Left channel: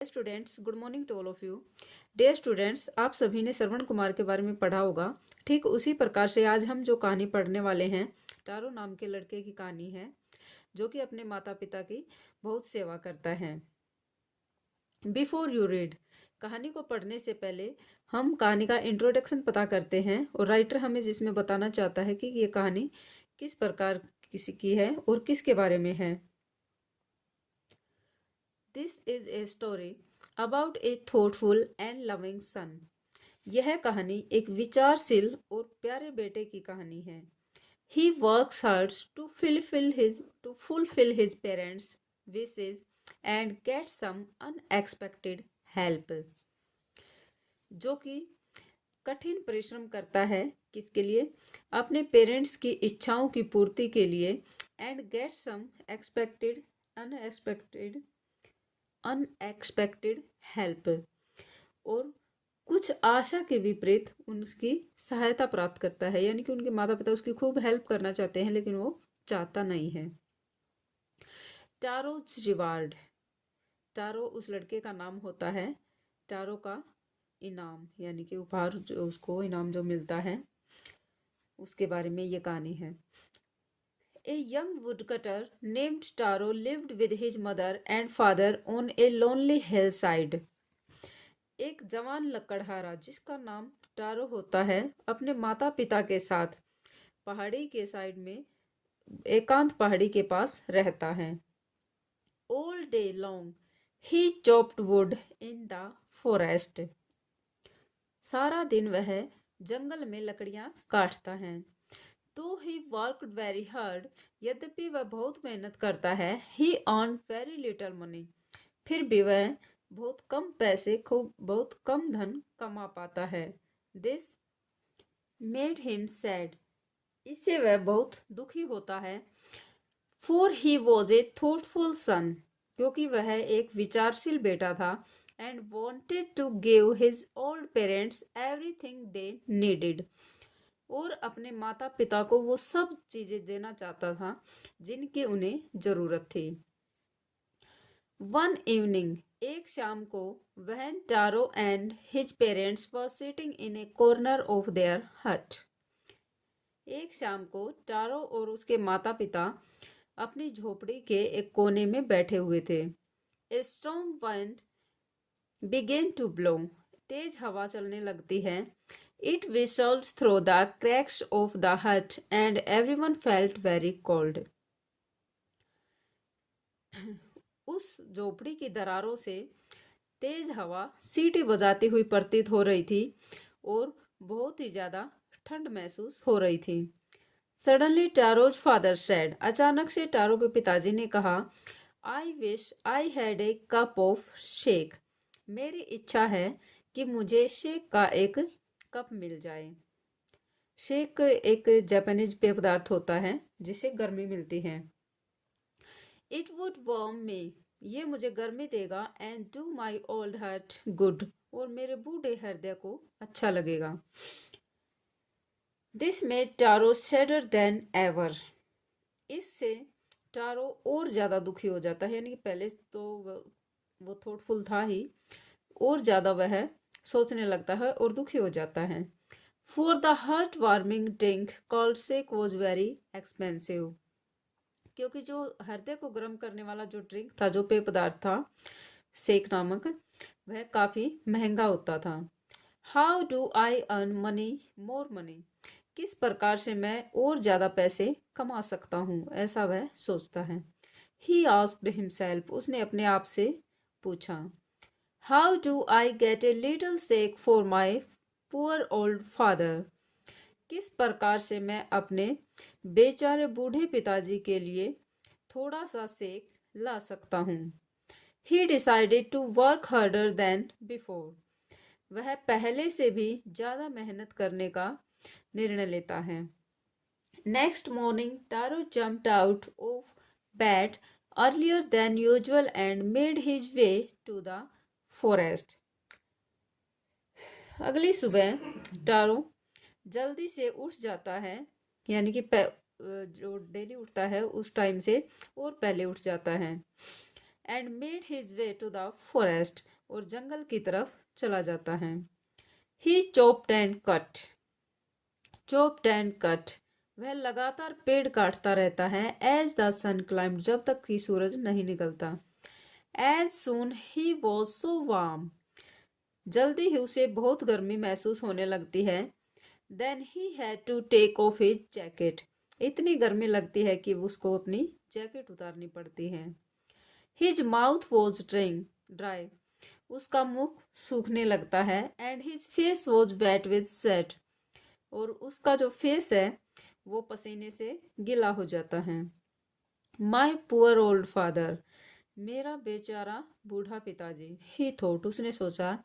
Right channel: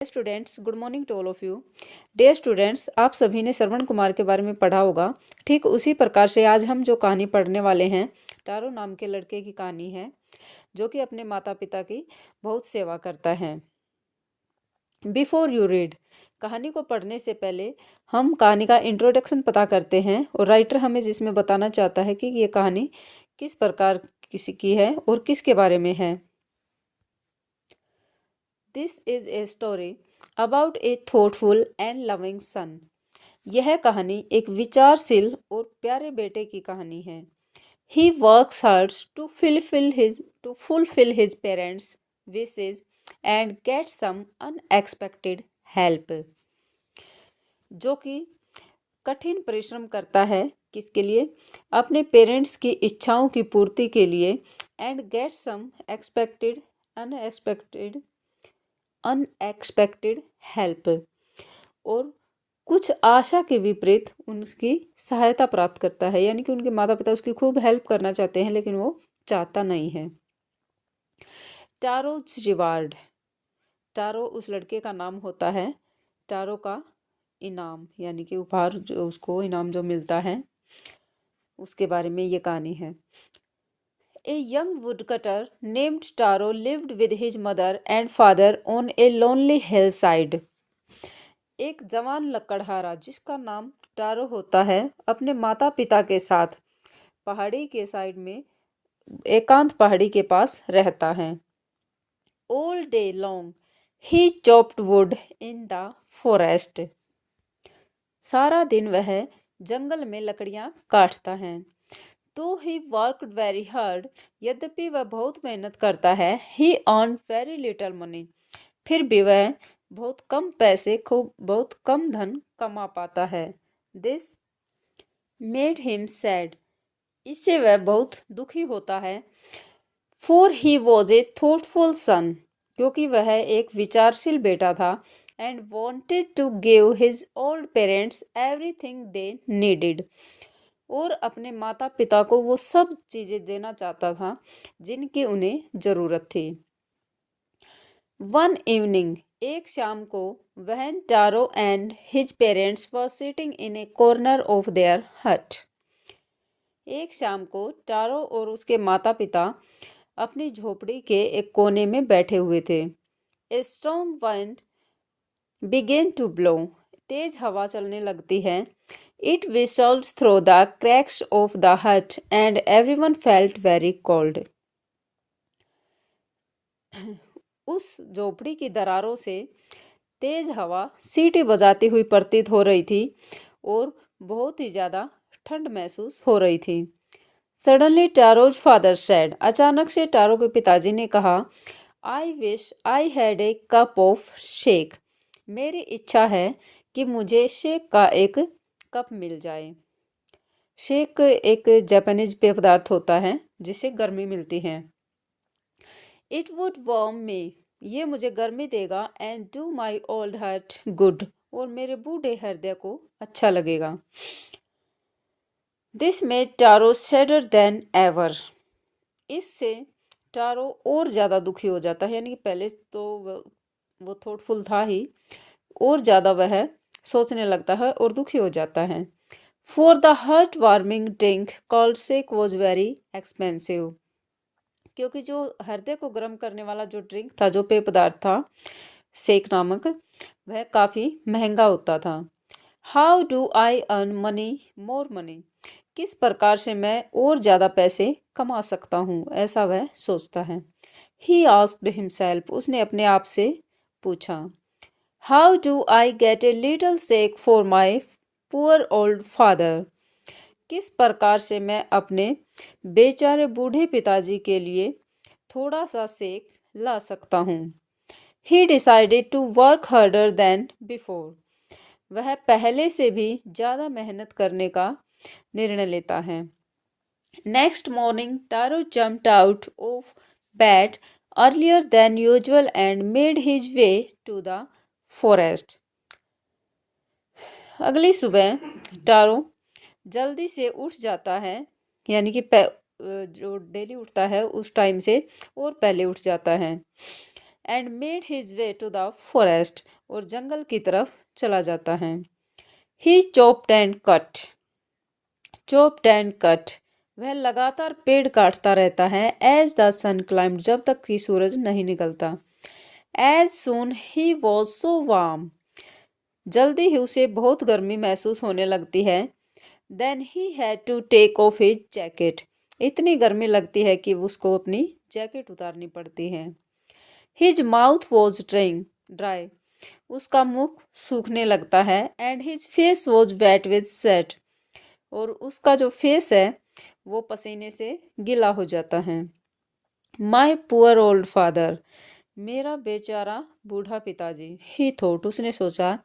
Students, good morning to all of you. Dear students, आप सभी ने श्रवण कुमार के बारे में पढ़ा होगा। ठीक उसी प्रकार से आज हम जो कहानी पढ़ने वाले हैं, टारो नाम के लड़के की कहानी है जो कि अपने माता पिता की बहुत सेवा करता है। बिफोर यू रीड, कहानी को पढ़ने से पहले हम कहानी का इंट्रोडक्शन पता करते हैं और राइटर हमें जिसमें बताना चाहता है कि ये कहानी किस प्रकार किसी की है और किसके बारे में है। This is a story about A thoughtful and loving son. यह कहानी एक विचारशील और प्यारे बेटे की कहानी है। He works hard to fulfil his parents wishes and get some unexpected help. जो कि कठिन परिश्रम करता है किसके लिए? अपने पेरेंट्स की इच्छाओं की पूर्ति के लिए। And get some unexpected help, और कुछ आशा के विपरीत उनकी सहायता प्राप्त करता है। यानी कि उनके माता पिता उसकी खूब हेल्प करना चाहते हैं लेकिन वो चाहता नहीं है। टारोज रिवार्ड, टारो उस लड़के का नाम होता है। टारो का इनाम यानी कि उपहार, जो उसको इनाम जो मिलता है उसके बारे में ये कहानी है। A young woodcutter named Taro lived with his mother and father on a lonely hillside. एक जवान लकड़हारा जिसका नाम टारो होता है अपने माता पिता के साथ पहाड़ी के साइड में, एकांत पहाड़ी के पास रहता है। All day long he chopped wood in the forest. सारा दिन वह जंगल में लकड़ियां काटता है। तो ही वर्कड वेरी हार्ड, यद्यपि वह बहुत मेहनत करता है। ही अर्न वेरी लिटिल मनी, फिर भी वह बहुत कम पैसे, खूब बहुत कम धन कमा पाता है। दिस मेड हिम सैड, इससे वह बहुत दुखी होता है। For he was a thoughtful son, क्योंकि वह एक विचारशील बेटा था। And wanted to give his old parents everything they needed, और अपने माता पिता को वो सब चीज़ें देना चाहता था जिनकी उन्हें ज़रूरत थी। वन इवनिंग, एक शाम को, when Taro and his parents were sitting in a corner of their hut. एक शाम को टारो और उसके माता पिता अपनी झोपड़ी के एक कोने में बैठे हुए थे। A strong wind began to blow, तेज हवा चलने लगती है। It whistled through the cracks of the hut and everyone felt very cold. उस झोपड़ी की दरारों से तेज हवा सीटी बजाती हुई प्रतीत हो रही थी और बहुत ही ज़्यादा ठंड महसूस हो रही थी। सडनली टारोज फादर सेड, अचानक से टारो के पिताजी ने कहा, I wish I had a cup of shake, मेरी इच्छा है कि मुझे शेक का एक कप मिल जाए। शेक एक जापानीज पेय पदार्थ होता है जिससे गर्मी मिलती है। इट वुड वार्म मी, ये मुझे गर्मी देगा। And do my old heart good, और मेरे बूढ़े हृदय को अच्छा लगेगा। This made Taro sadder than ever, इससे टारो और ज़्यादा दुखी हो जाता है। यानी कि पहले तो वो थॉटफुल था ही, और ज़्यादा वह सोचने लगता है और दुखी हो जाता है। For the heart-warming drink called shake was very expensive, क्योंकि जो हृदय को गर्म करने वाला जो ड्रिंक था, जो पेय पदार्थ था शेक नामक, वह काफ़ी महंगा होता था। How do I earn money, more money, किस प्रकार से मैं और ज़्यादा पैसे कमा सकता हूँ, ऐसा वह सोचता है। He asked himself, उसने अपने आप से पूछा। How do I get a little shake for my poor old father, किस प्रकार से मैं अपने बेचारे बूढ़े पिताजी के लिए थोड़ा सा सेक ला सकता हूँ। He decided to work harder than before, वह पहले से भी ज़्यादा मेहनत करने का निर्णय लेता है। Next morning Taro jumped out of bed earlier than usual and made his way to the forest. अगली सुबह टारो जल्दी से उठ जाता है, यानी कि जो डेली उठता है उस टाइम से और पहले उठ जाता है। And made his way to the forest, और जंगल की तरफ चला जाता है। He chopped and cut, chopped and cut, वह लगातार पेड़ काटता रहता है। एज द सन क्लाइम्ड, जब तक कि सूरज नहीं निकलता। As soon he was so warm, जल्दी ही उसे बहुत गर्मी महसूस होने लगती है। Then he had to take off his jacket, इतनी गर्मी लगती है कि उसको अपनी जैकेट उतारनी पड़ती है। हिज माउथ वॉज ड्राई, उसका मुख सूखने लगता है। And his face was wet with sweat, और उसका जो फेस है वो पसीने से गीला हो जाता है। माई पुअर ओल्ड फादर, मेरा बेचारा बूढ़ा पिताजी। ही थॉट, उसने सोचा,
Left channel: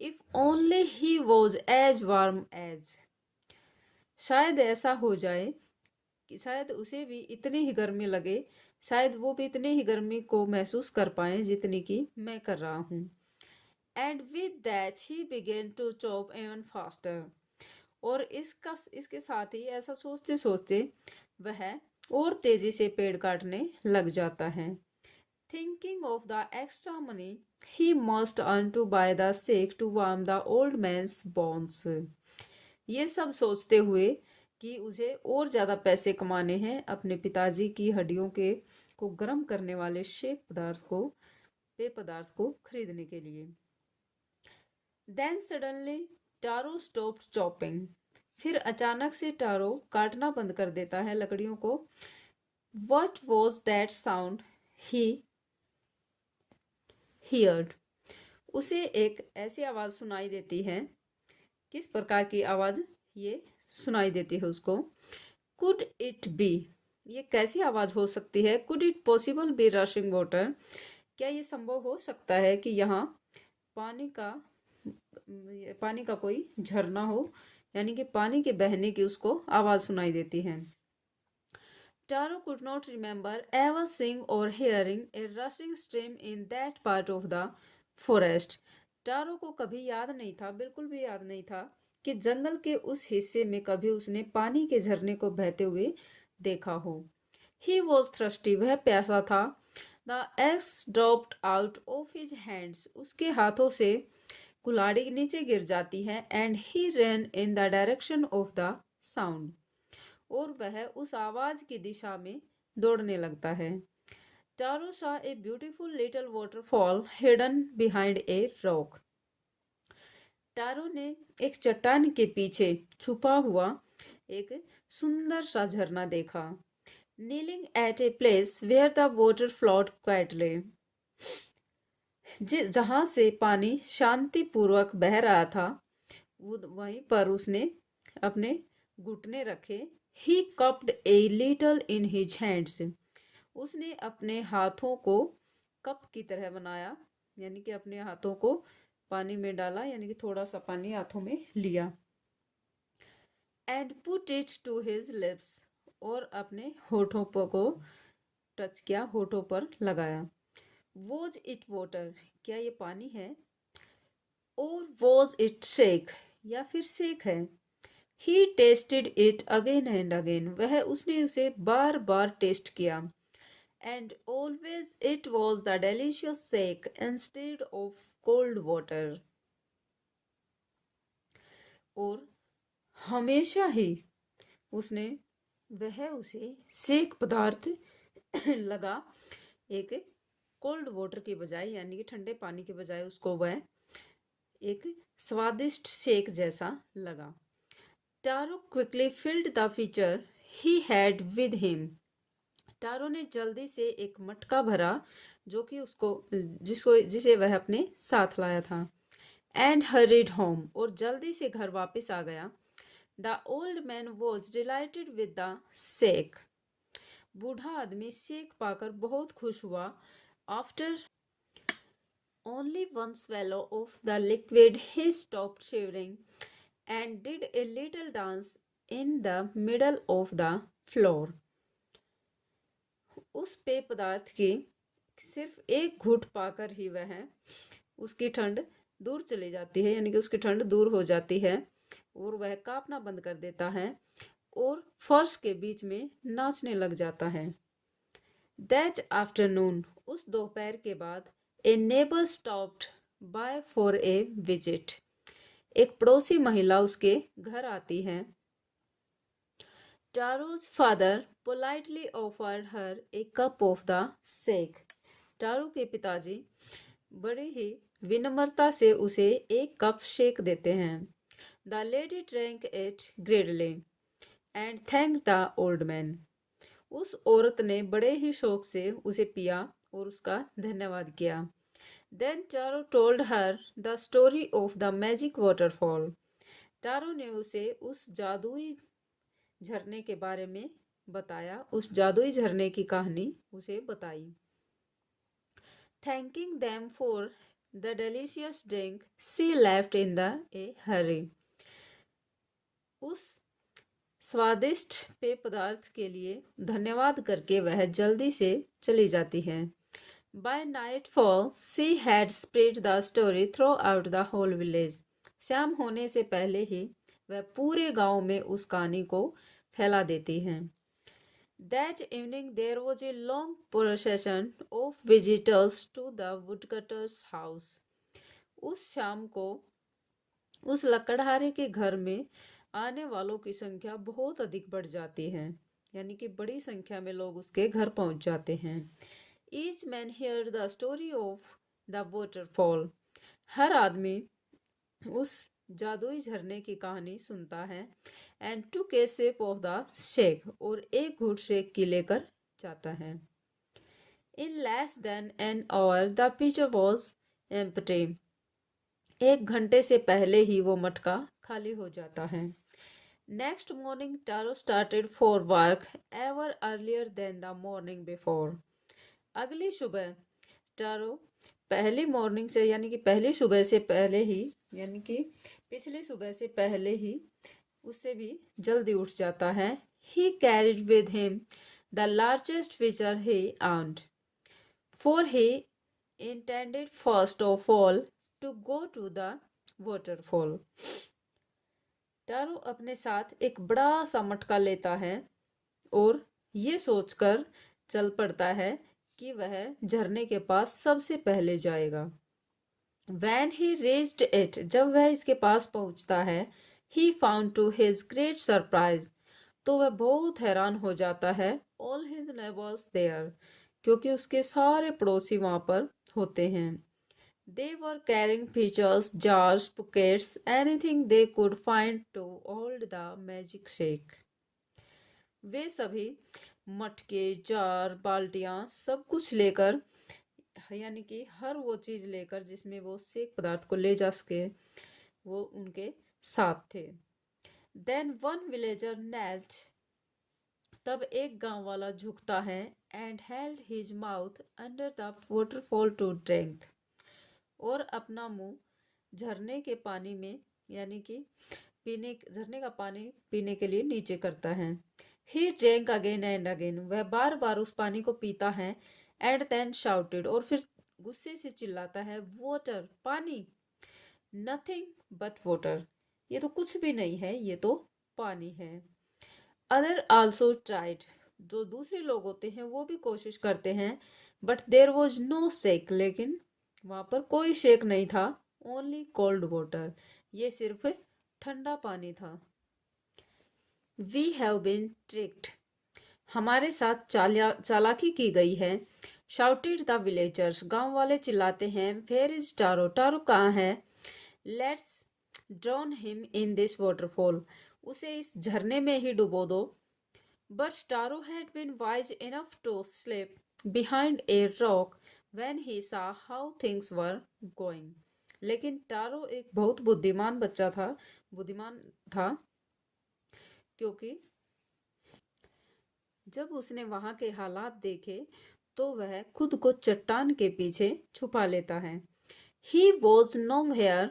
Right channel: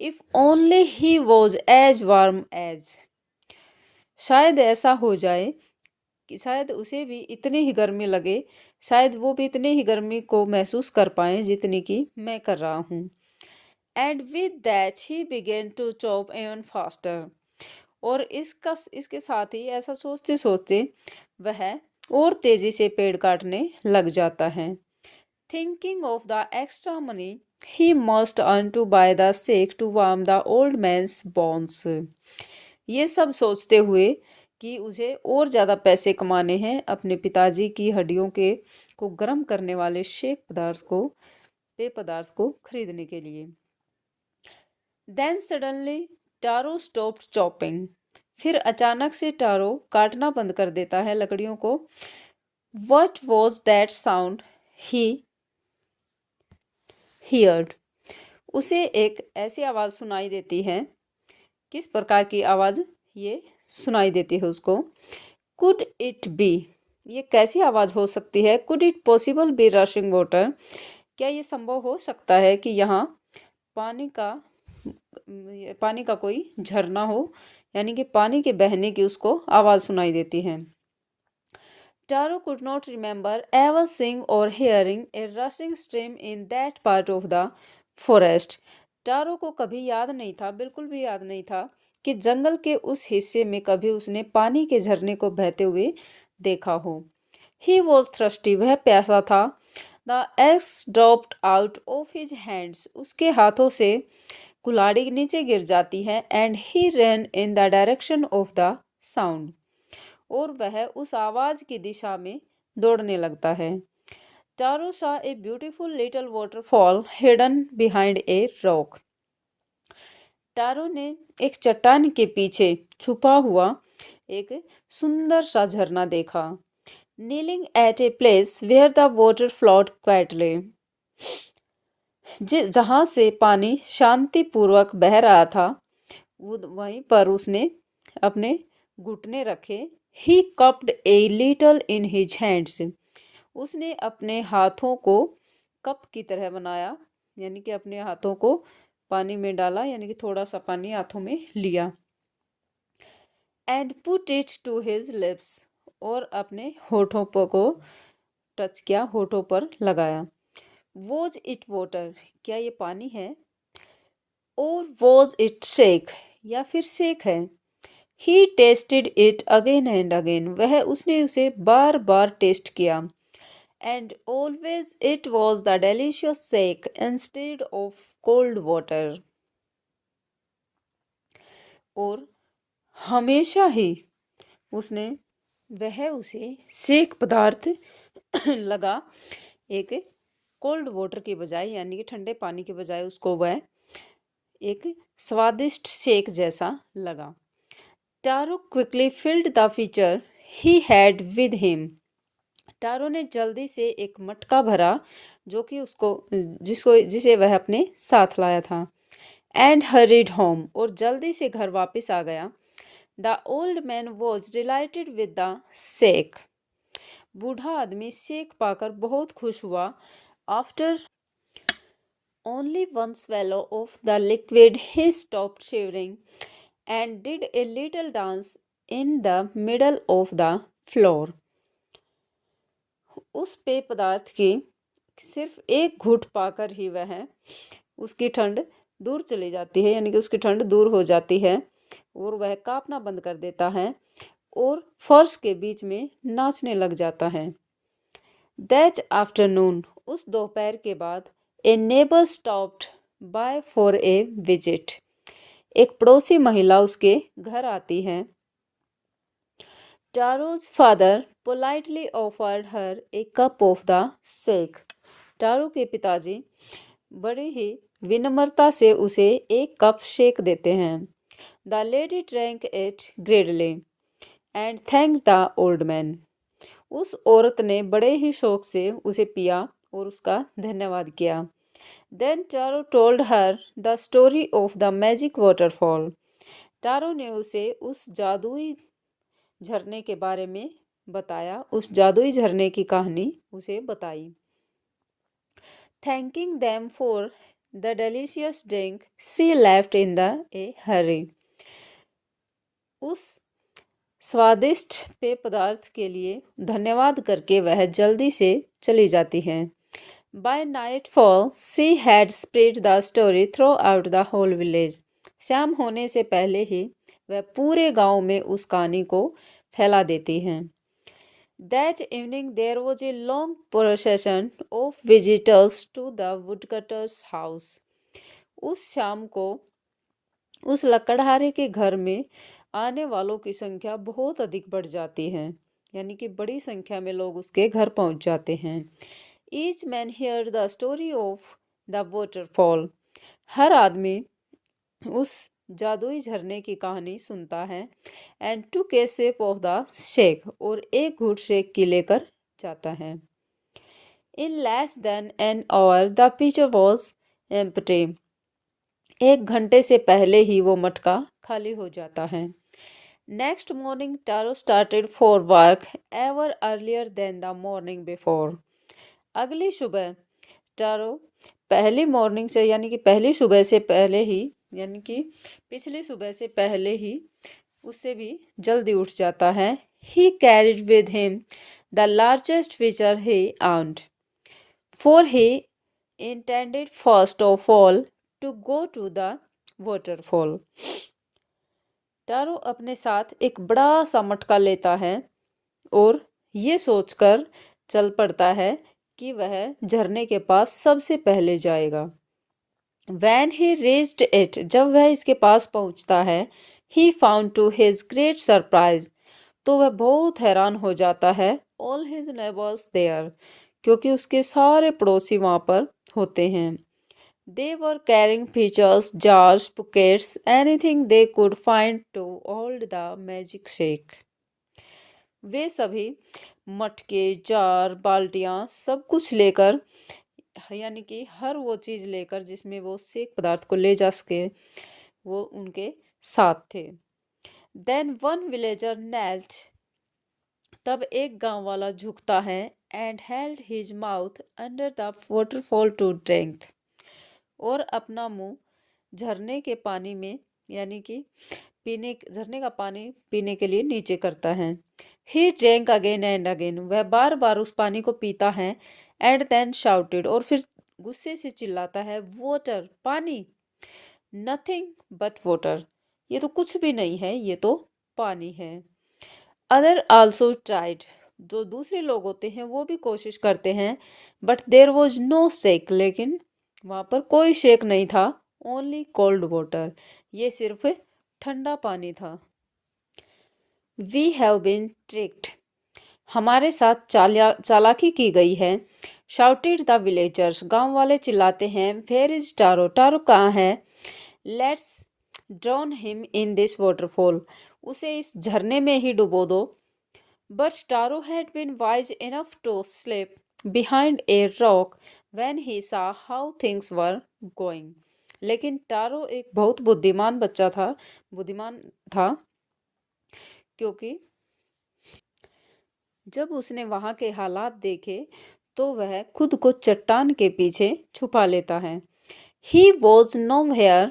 if only he was as warm as, शायद ऐसा हो जाए कि शायद उसे भी इतनी ही गर्मी लगे, शायद वो भी इतनी ही गर्मी को महसूस कर पाए जितनी कि मैं कर रहा हूँ। And with that he began to chop even faster, और इसके साथ ही ऐसा सोचते सोचते वह और तेजी से पेड़ काटने लग जाता है। Thinking of the extra money he must earn to buy the sake to warm the old man's bones, ये सब सोचते हुए कि उसे और ज़्यादा पैसे कमाने हैं अपने पिताजी की हड्डियों के को गर्म करने वाले पेय पदार्थ को खरीदने के लिए। Then suddenly Taro stopped chopping, फिर अचानक से टारो काटना बंद कर देता है लकड़ियों को। What was that sound he heard, उसे एक ऐसी आवाज़ सुनाई देती है। किस प्रकार की आवाज़ ये सुनाई देती है उसको? कुड इट बी, ये कैसी आवाज़ हो सकती है? Could it possible be rushing water, क्या ये संभव हो सकता है कि यहाँ पानी का कोई झरना हो, यानी कि पानी के बहने की उसको आवाज़ सुनाई देती है। Taro could not remember ever seeing or hearing a rushing stream in that part of the forest, Taro को कभी याद नहीं था, बिल्कुल भी याद नहीं था कि जंगल के उस हिस्से में कभी उसने पानी के झरने को बहते हुए देखा हो। ही वॉज थ्रस्टी, वह प्यासा था। The x dropped out of his hands, उसके हाथों से कुल्हाड़ी नीचे गिर जाती है। And he run in the direction of the sound, और वह उस आवाज की दिशा में दौड़ने लगता है। Taro saw a beautiful little waterfall hidden behind a rock, Taro ने एक चट्टान के पीछे छुपा हुआ एक सुंदर सा झरना देखा। Kneeling at a place where the water flowed quietly, जहां से पानी शांतिपूर्वक बह रहा था, वहीं पर उसने अपने घुटने रखे। He cupped a little in his hands, उसने अपने हाथों को कप की तरह बनाया, यानी कि अपने हाथों को पानी में डाला, यानी कि थोड़ा सा पानी हाथों में लिया। And put it to his lips, और अपने होठों को टच किया, होठों पर लगाया। वॉज इट वाटर, क्या ये पानी है? और वॉज इट शेक, या फिर शेक है? He tasted it again and again, उसने उसे बार बार टेस्ट किया। And always it was the delicious shake instead of cold water, और हमेशा ही उसे सेक पदार्थ लगा, एक कोल्ड वाटर के बजाय, यानी कि ठंडे पानी के बजाय उसको वह एक स्वादिष्ट शेक जैसा लगा। Taro quickly filled the pitcher he had with him, Taro ने जल्दी से एक मटका भरा जो कि जिसे वह अपने साथ लाया था। एंड हरीड होम, और जल्दी से घर वापस आ गया। The old man was dilated with the shake, बूढ़ा आदमी शेक पाकर बहुत खुश हुआ। After only one swallow of the liquid he stopped shivering and did a little dance in the middle of the floor, उस पेय पदार्थ की सिर्फ एक घूंट पाकर ही उसकी ठंड दूर चली जाती है, यानी कि उसकी ठंड दूर हो जाती है, और वह कांपना बंद कर देता है और फर्श के बीच में नाचने लग जाता है। दैट आफ्टरनून, उस दोपहर के बाद a neighbour stopped by for a visit. एक पड़ोसी महिला उसके घर आती है। Taro's father politely offered her a cup of the shake। Taro के पिताजी बड़ी ही विनम्रता से उसे एक कप शेक देते हैं। The lady drank it greedily and thanked the old man। उस औरत ने बड़े ही शौक से उसे पिया और उसका धन्यवाद किया। Then Taro told her the story of the magic waterfall। Taro ने उसे उस जादुई झरने के बारे में बताया, उस जादुई झरने की कहानी उसे बताई। Thanking them for the delicious drink, she left in a hurry। उस स्वादिष्ट पेय पदार्थ के लिए धन्यवाद करके वह जल्दी से चली जाती है। By nightfall, she had spread the story throughout the whole village। शाम होने से पहले ही वह पूरे गांव में उस कहानी को फैला देती हैं। That evening there was a long procession of visitors to the woodcutter's house। उस शाम को उस लकड़हारे के घर में आने वालों की संख्या बहुत अधिक बढ़ जाती है, यानी कि बड़ी संख्या में लोग उसके घर पहुंच जाते हैं। Each man heard the story of the waterfall। हर आदमी उस जादुई झरने की कहानी सुनता है। And took sip of the sake, और एक घूट शेक की लेकर जाता है। In less than an hour the pitcher was empty. एक घंटे से पहले ही वो मटका खाली हो जाता है। Next morning Taro started for work ever earlier than the morning before. अगली सुबह टारो पहली मॉर्निंग से, यानी कि पहली सुबह से पहले ही, यानी कि पिछली सुबह से पहले ही उससे भी जल्दी उठ जाता है। He carried with him the largest pitcher he owned, for he intended first of all to go to the waterfall। Taro अपने साथ एक बड़ा सा मटका लेता है और ये सोचकर चल पड़ता है कि वह झरने के पास सबसे पहले जाएगा। When he reached it, जब वह इसके पास पहुंचता है, he found to his great surprise, तो वह बहुत हैरान हो जाता है। All his neighbors there, क्योंकि उसके सारे पड़ोसी वहां पर होते हैं। They were carrying pitchers, jars, buckets, anything they could find to hold the magic shake। वे सभी मटके, जार, बाल्टियां सब कुछ लेकर, यानी कि हर वो चीज़ लेकर जिसमें वो सेक पदार्थ को ले जा सके, वो उनके साथ थे। देन वन विलेजर नेल्ट, तब एक गांव वाला झुकता है। And held his mouth under the waterfall to drink, और अपना मुंह झरने के पानी में, यानी कि झरने का पानी पीने के लिए नीचे करता है। He drank again and again, वह बार बार उस पानी को पीता है। एंड देन शाउटेड, और फिर गुस्से से चिल्लाता है, वाटर, पानी, नथिंग बट वाटर, ये तो कुछ भी नहीं है, ये तो पानी है। अदर आल्सो ट्राइड, जो दूसरे लोग होते हैं वो भी कोशिश करते हैं। But there was no sake, लेकिन वहाँ पर कोई शेक नहीं था। ओनली कोल्ड वाटर, ये सिर्फ ठंडा पानी था। वी हैव बीन ट्रिक्ड, हमारे साथ चालाकी की गई है। शाउटेड द विलेजर्स, गांव वाले चिल्लाते हैं। वेयर इज टारो, टारो कहाँ है? Let's drown him in this waterfall, उसे इस झरने में ही डुबो दो। But Taro had been wise enough to slip behind a rock when he saw how things were going. लेकिन टारो एक बहुत बुद्धिमान था, क्योंकि जब उसने वहां के हालात देखे तो वह खुद को चट्टान के पीछे छुपा लेता है। He was nowhere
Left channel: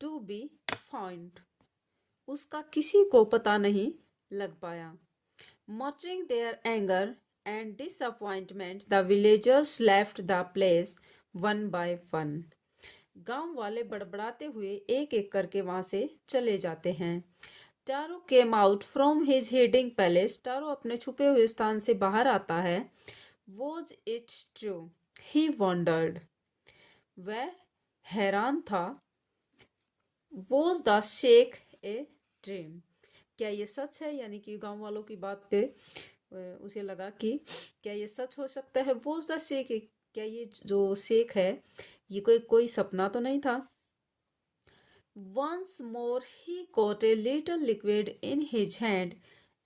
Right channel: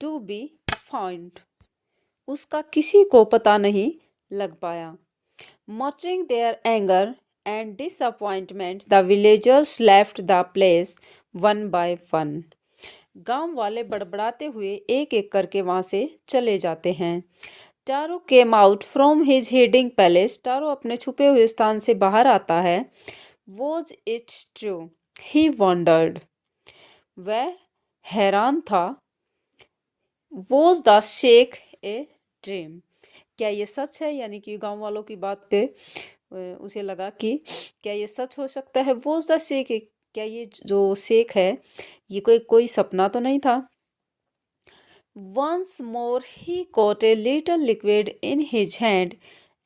to be found, उसका किसी को पता नहीं लग पाया। Muttering their anger and disappointment, the villagers left the place one by one। गांव वाले बड़बड़ाते हुए एक एक करके वहां से चले जाते हैं। Taro came out from his hiding palace, Taro अपने छुपे हुए स्थान से बाहर आता है। Was it true, He wondered. वह हैरान था. Was the shake a dream? क्या ये सच है? यानी कि गांव वालों की बात पे उसे लगा कि क्या ये सच हो सकता है. Was the shake क्या ये जो शेक है ये कोई सपना तो नहीं था. Once more he caught a little liquid in his hand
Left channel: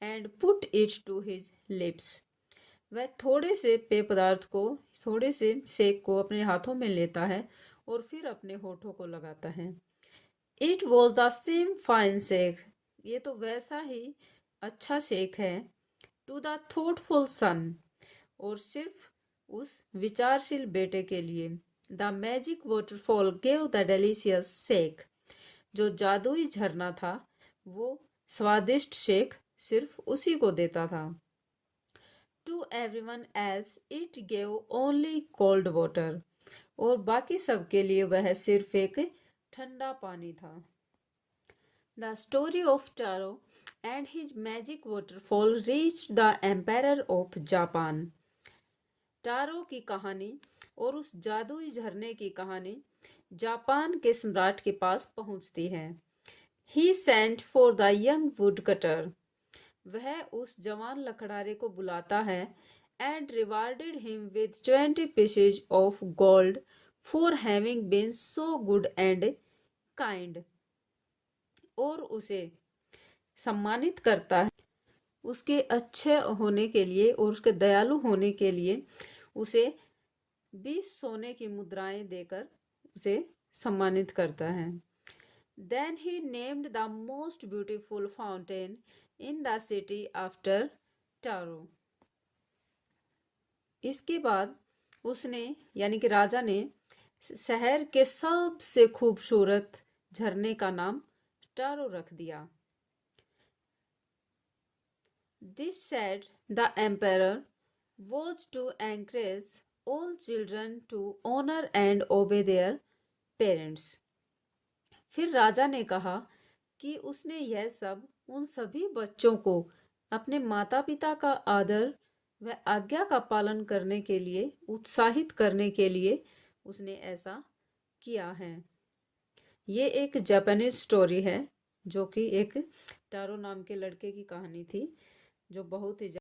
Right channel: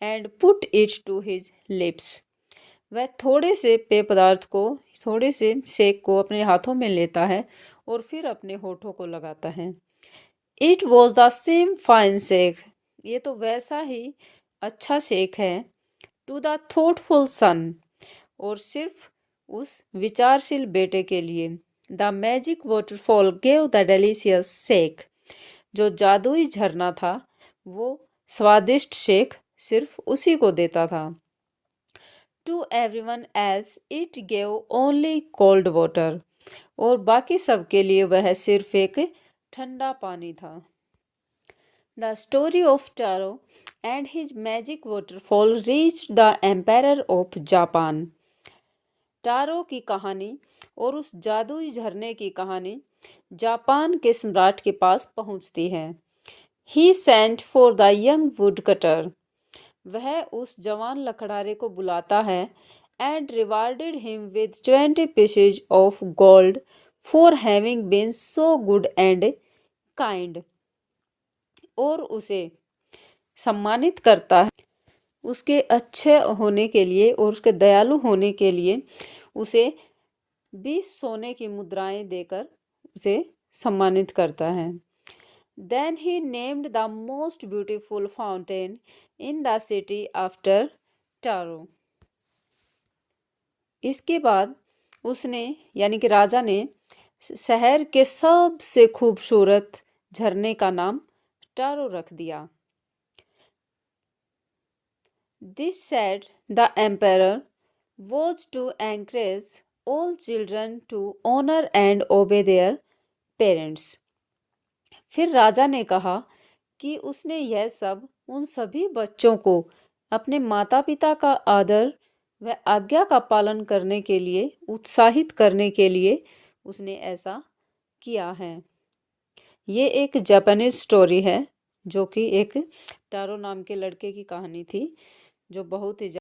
and put it to his lips. वह थोड़े से पेय पदार्थ को, थोड़े से शेक को अपने हाथों में लेता है और फिर अपने होठों को लगाता है. It was the same fine shake. ये तो वैसा ही अच्छा शेक है. To the thoughtful son. और सिर्फ उस विचारशील बेटे के लिए. The magic waterfall gave the delicious shake. जो जादुई झरना था वो स्वादिष्ट शेक सिर्फ उसी को देता था. To everyone else it gave only cold water. और बाकी सब के लिए वह सिर्फ एक ठंडा पानी था. The story of Taro and his magic waterfall reached the emperor of Japan. Taro की कहानी और उस जादुई झरने की कहानी जापान के सम्राट के पास पहुंचती है. He sent for the young woodcutter. वह उस जवान लकड़हारे को बुलाता है and rewarded him with 20 pieces of gold for having been so good and kind. और उसे सम्मानित करता है उसके अच्छे होने के लिए और उसके दयालु होने के लिए. उसे 20 सोने की मुद्राएं देकर उसे सम्मानित करता है. Then he named the most beautiful fountain in the city after Taro. इसके बाद उसने यानी कि राजा ने शहर के सबसे खूबसूरत झरने का नाम टारो रख दिया. This said the emperor was to encourage all children to honor and obey their parents. फिर राजा ने कहा कि उसने यह सब उन सभी बच्चों को अपने माता पिता का आदर व आज्ञा का पालन करने के लिए उत्साहित करने के लिए उसने ऐसा किया है. ये एक जापानीज स्टोरी है जो कि एक टारो नाम के लड़के की कहानी थी जो बहुत ही